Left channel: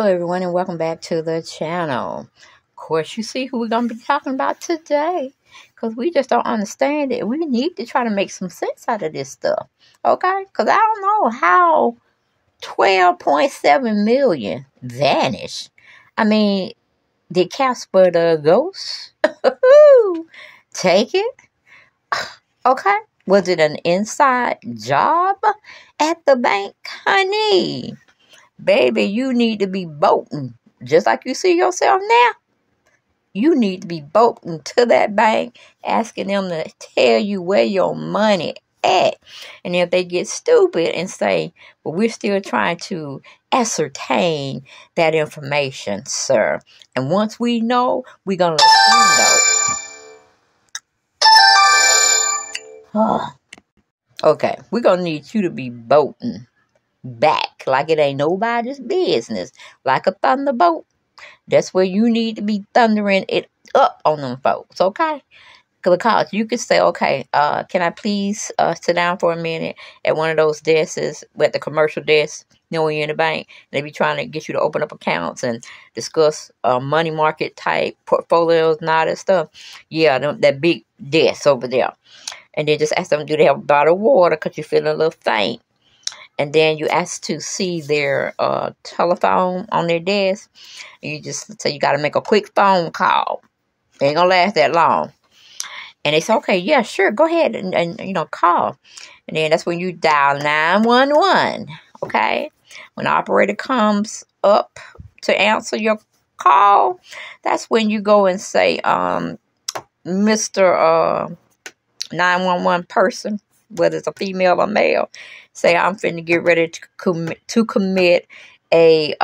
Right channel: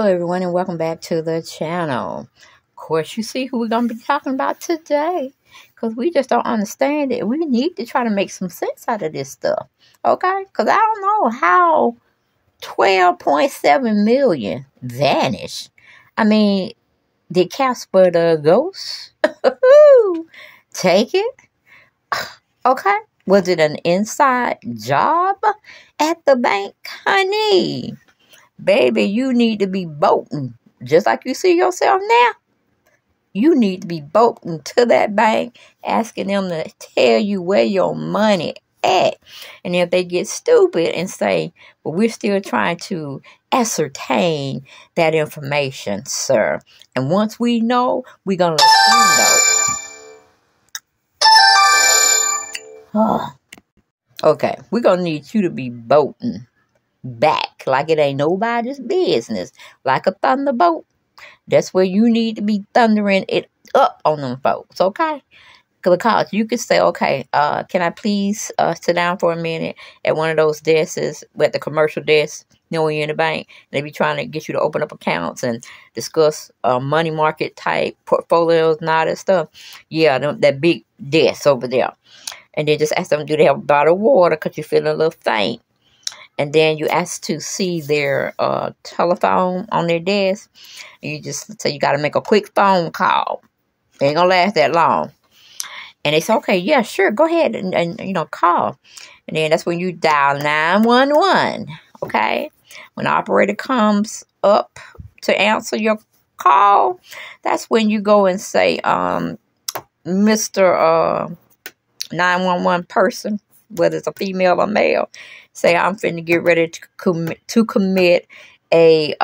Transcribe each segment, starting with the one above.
Hello everyone and welcome back to the channel. Of course, you see who we're going to be talking about today, because we just don't understand it. We need to try to make some sense out of this stuff, okay? Because I don't know how 12.7 million vanished. I mean, did Casper the ghost take it? Okay. Was it an inside job at the bank, honey? Baby, you need to be bolting. Just like you see yourself now, you need to be bolting to that bank, asking them to tell you where your money at. And if they get stupid and say, well, we're still trying to ascertain that information, sir. And once we know, we're going to let you know. Okay, we're going to need you to be bolting back like it ain't nobody's business, like a thunderbolt. That's where you need to be thundering it up on them folks, okay? Because you can say, okay, can I please sit down for a minute at one of those desks, at the commercial desk, when you're in the bank, and they be trying to get you to open up accounts and discuss money market type portfolios and all that stuff. Yeah, that big desk over there. And then just ask them, do they have a bottle of water because you're feeling a little faint? And then you ask to see their telephone on their desk. And you just say you got to make a quick phone call. It ain't going to last that long. And they say, okay, yeah, sure, go ahead and call. And then that's when you dial 911, okay? When the operator comes up to answer your call, that's when you go and say, Mr. 911 person, whether it's a female or male, say, I'm finna get ready to commit a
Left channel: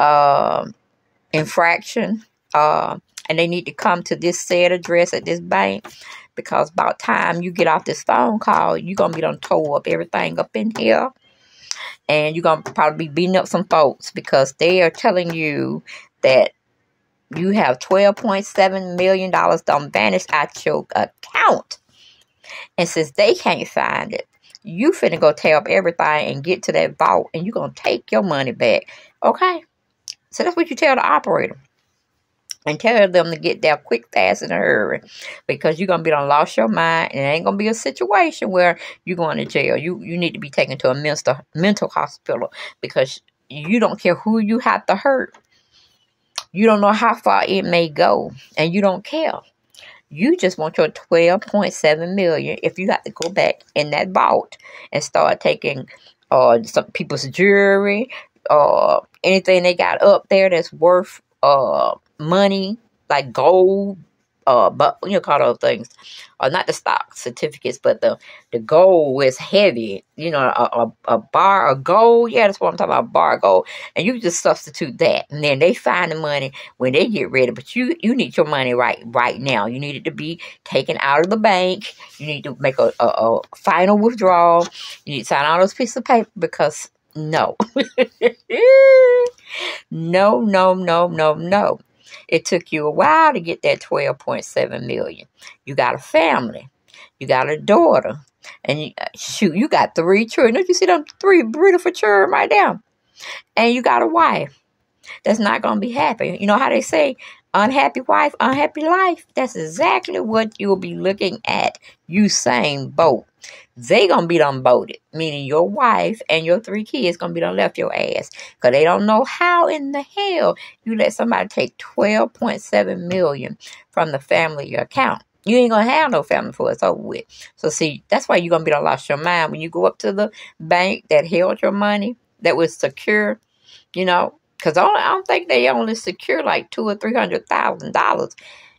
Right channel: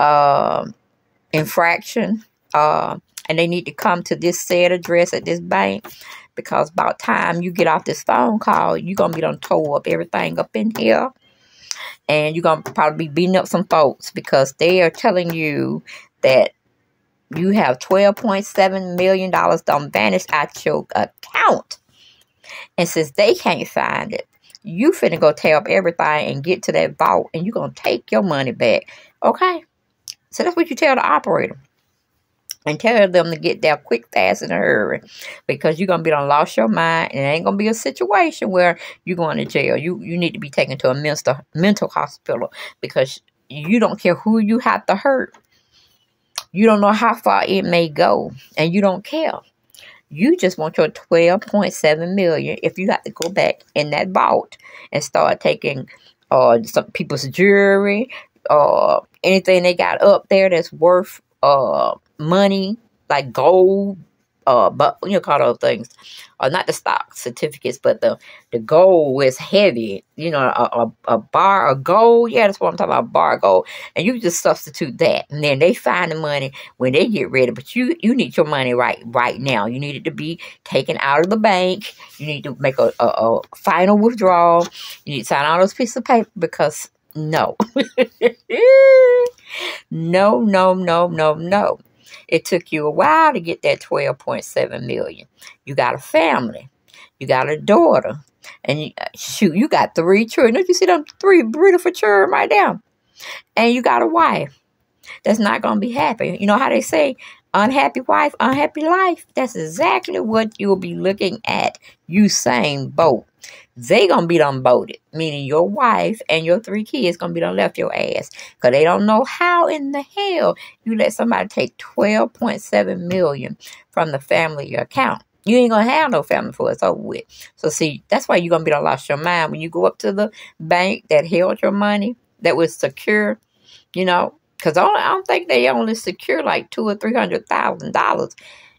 infraction, and they need to come to this said address at this bank, because about time you get off this phone call, you're going to be done tow up everything up in here, and you're going to probably be beating up some folks because they are telling you that you have $12.7 million done vanished at your account. And since they can't find it, you finna go tear up everything and get to that vault, and you're going to take your money back. Okay? So that's what you tell the operator. And tell them to get there quick, fast, in a hurry. Because you're going to be done lost your mind, and it ain't going to be a situation where you're going to jail. You need to be taken to a mental hospital, because you don't care who you have to hurt. You don't know how far it may go, and you don't care. You just want your $12.7 million if you have to go back in that vault and start taking some people's jewelry, anything they got up there that's worth money, like gold, but call those things, not the stock certificates, but the gold is heavy. A bar of gold. Yeah, that's what I'm talking about, bar of gold. And you just substitute that, and then they find the money when they get ready. But you need your money right now. You need it to be taken out of the bank. You need to make a final withdrawal. You need to sign all those pieces of paper, because no. No. It took you a while to get that $12.7 million. You got a family. You got a daughter. And you got 3 children. Don't you see them 3 beautiful children right there? And you got a wife that's not going to be happy. You know how they say, unhappy wife, unhappy life? That's exactly what you'll be looking at, USAIN boat. They gonna be done voted, meaning your wife and your 3 kids gonna be done left your ass, because they don't know how in the hell you let somebody take $12.7 million from the family account. You ain't gonna have no family for it's over with. So see, that's why you're gonna be done lost your mind when you go up to the bank that held your money, that was secure, because I don't think they only secure like $200,000 or $300,000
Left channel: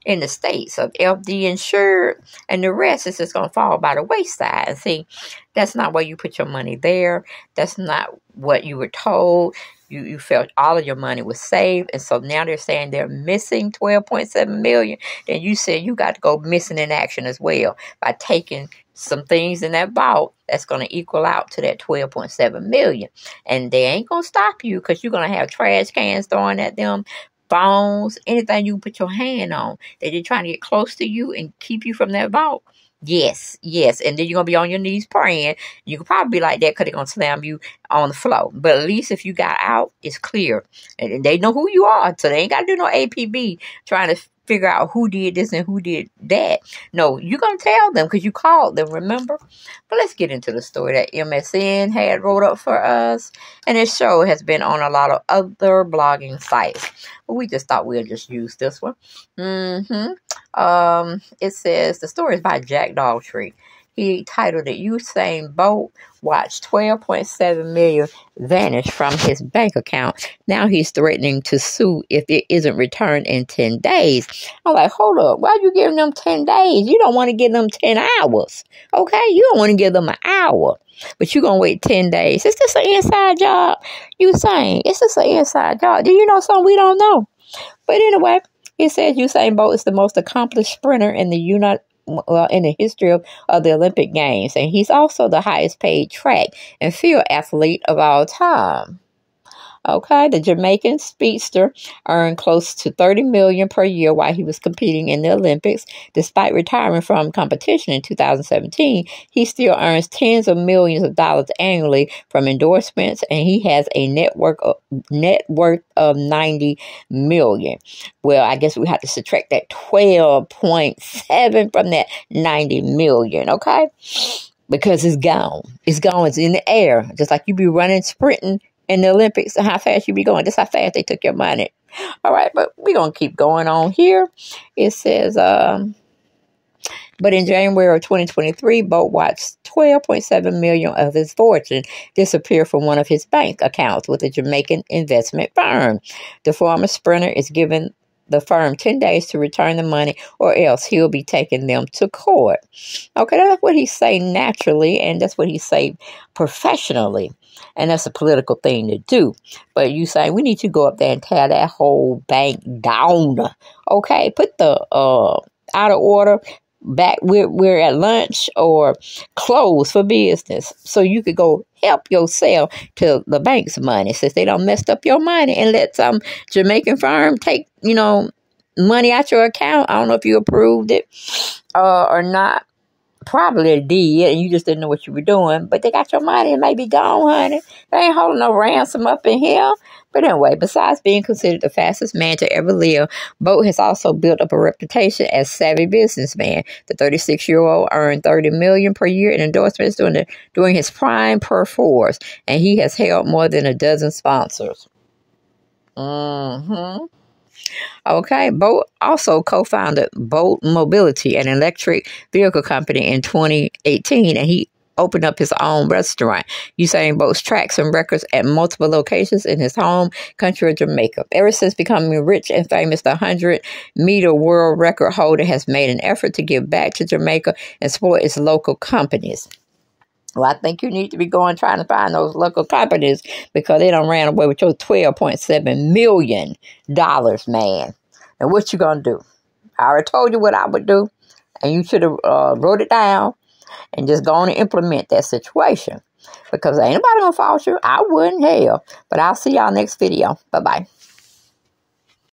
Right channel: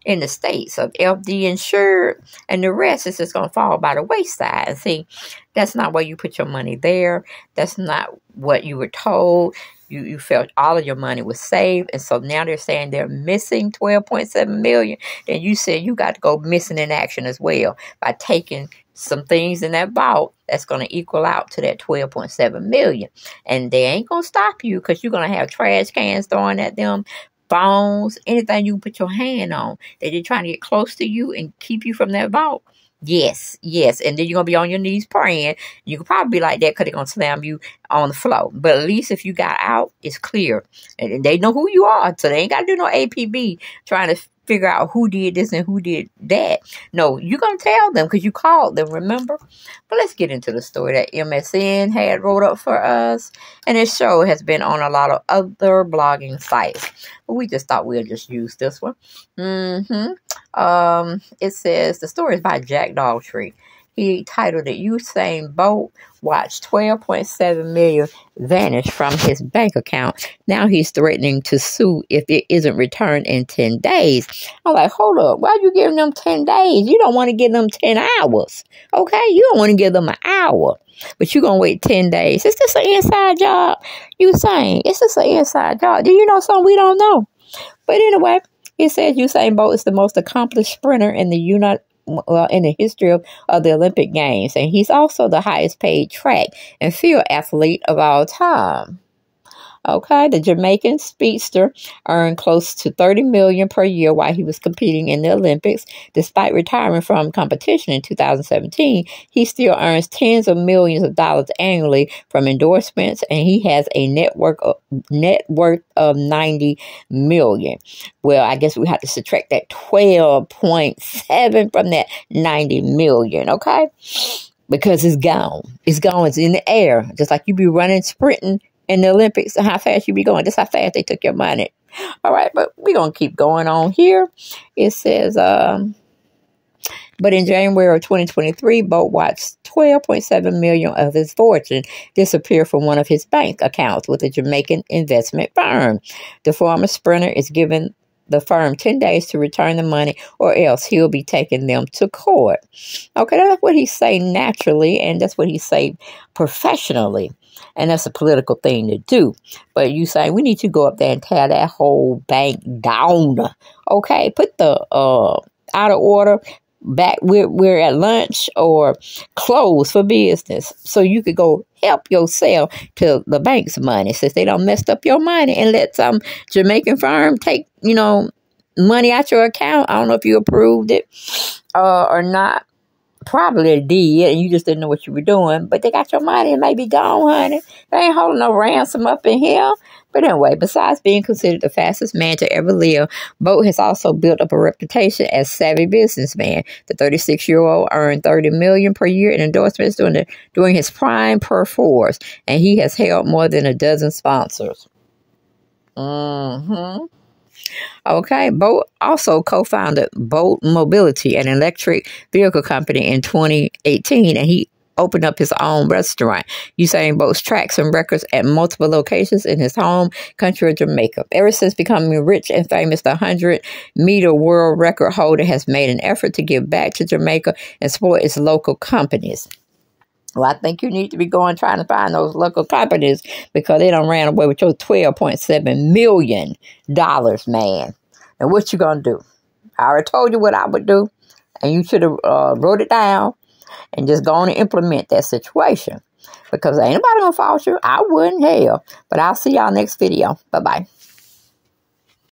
in the States of FD insured, and the rest is just going to fall by the wayside. And see, that's not where you put your money there. That's not what you were told. You felt all of your money was saved, and so now they're saying they're missing $12.7 million, and you said you got to go missing in action as well by taking some things in that vault that's going to equal out to that $12.7 million. And they ain't going to stop you, because you're going to have trash cans thrown at them, phones, anything you can put your hand on. They're trying to get close to you and keep you from that vault. Yes, yes. And then you're going to be on your knees praying. You could probably be like that because they're going to slam you on the floor. But at least if you got out, it's clear. And they know who you are. So they ain't got to do no APB trying to figure out who did this and who did that. No, you're going to tell them because you called them, remember? But let's get into the story that MSN had wrote up for us. And this show has been on a lot of other blogging sites. But we just thought we'd just use this one. It says, the story is by Jack Dogtree. He titled it, USAIN Bolt watched 12.7 million vanish from his bank account. Now he's threatening to sue if it isn't returned in 10 days. I'm like, hold up. Why are you giving them 10 days? You don't want to give them 10 hours. Okay? You don't want to give them an hour. But you're going to wait 10 days. Is this an inside job? USAIN, is this an inside job? Do you know something we don't know? But anyway, it says Usain Bolt is the most accomplished sprinter in the history of the Olympic Games. And he's also the highest paid track and field athlete of all time. Okay, the Jamaican speedster earned close to $30 million per year while he was competing in the Olympics. Despite retiring from competition in 2017, he still earns tens of millions of dollars annually from endorsements, and he has a net worth of $90 million. Well, I guess we have to subtract that 12.7 from that $90 million, okay? Because it's gone. It's gone. It's in the air. Just like you be running, sprinting in the Olympics, and how fast you be going. That's how fast they took your money. All right, but we're going to keep going on here. It says, but in January of 2023, Bolt watched 12.7 million of his fortune disappear from one of his bank accounts with a Jamaican investment firm. The former sprinter is given the firm 10 days to return the money, or else he'll be taking them to court. Okay, that's what he say naturally, and that's what he say professionally. And that's a political thing to do. But you say, we need to go up there and tear that whole bank down. Okay, put the out of order back where we're at lunch or close for business so you could go help yourself to the bank's money since they don't messed up your money and let some Jamaican firm take, money out your account. I don't know if you approved it or not. Probably they did, and you just didn't know what you were doing. But they got your money and maybe gone, honey. They ain't holding no ransom up in here. But anyway, besides being considered the fastest man to ever live, Bolt has also built up a reputation as savvy businessman. The 36-year-old earned $30 million per year in endorsements during his prime force, and he has held more than a dozen sponsors. Okay, Bolt also co-founded Bolt Mobility, an electric vehicle company, in 2018, and he opened up his own restaurant. Usain Bolt's tracks and records at multiple locations in his home country of Jamaica. Ever since becoming rich and famous, the 100-meter world record holder has made an effort to give back to Jamaica and support its local companies. Well, I think you need to be trying to find those local companies because they done ran away with your $12.7 million, man. And what you gonna do? I already told you what I would do, and you should have wrote it down and just go on and implement that situation because ain't nobody gonna fault you. I wouldn't, hell. But I'll see y'all next video. Bye-bye.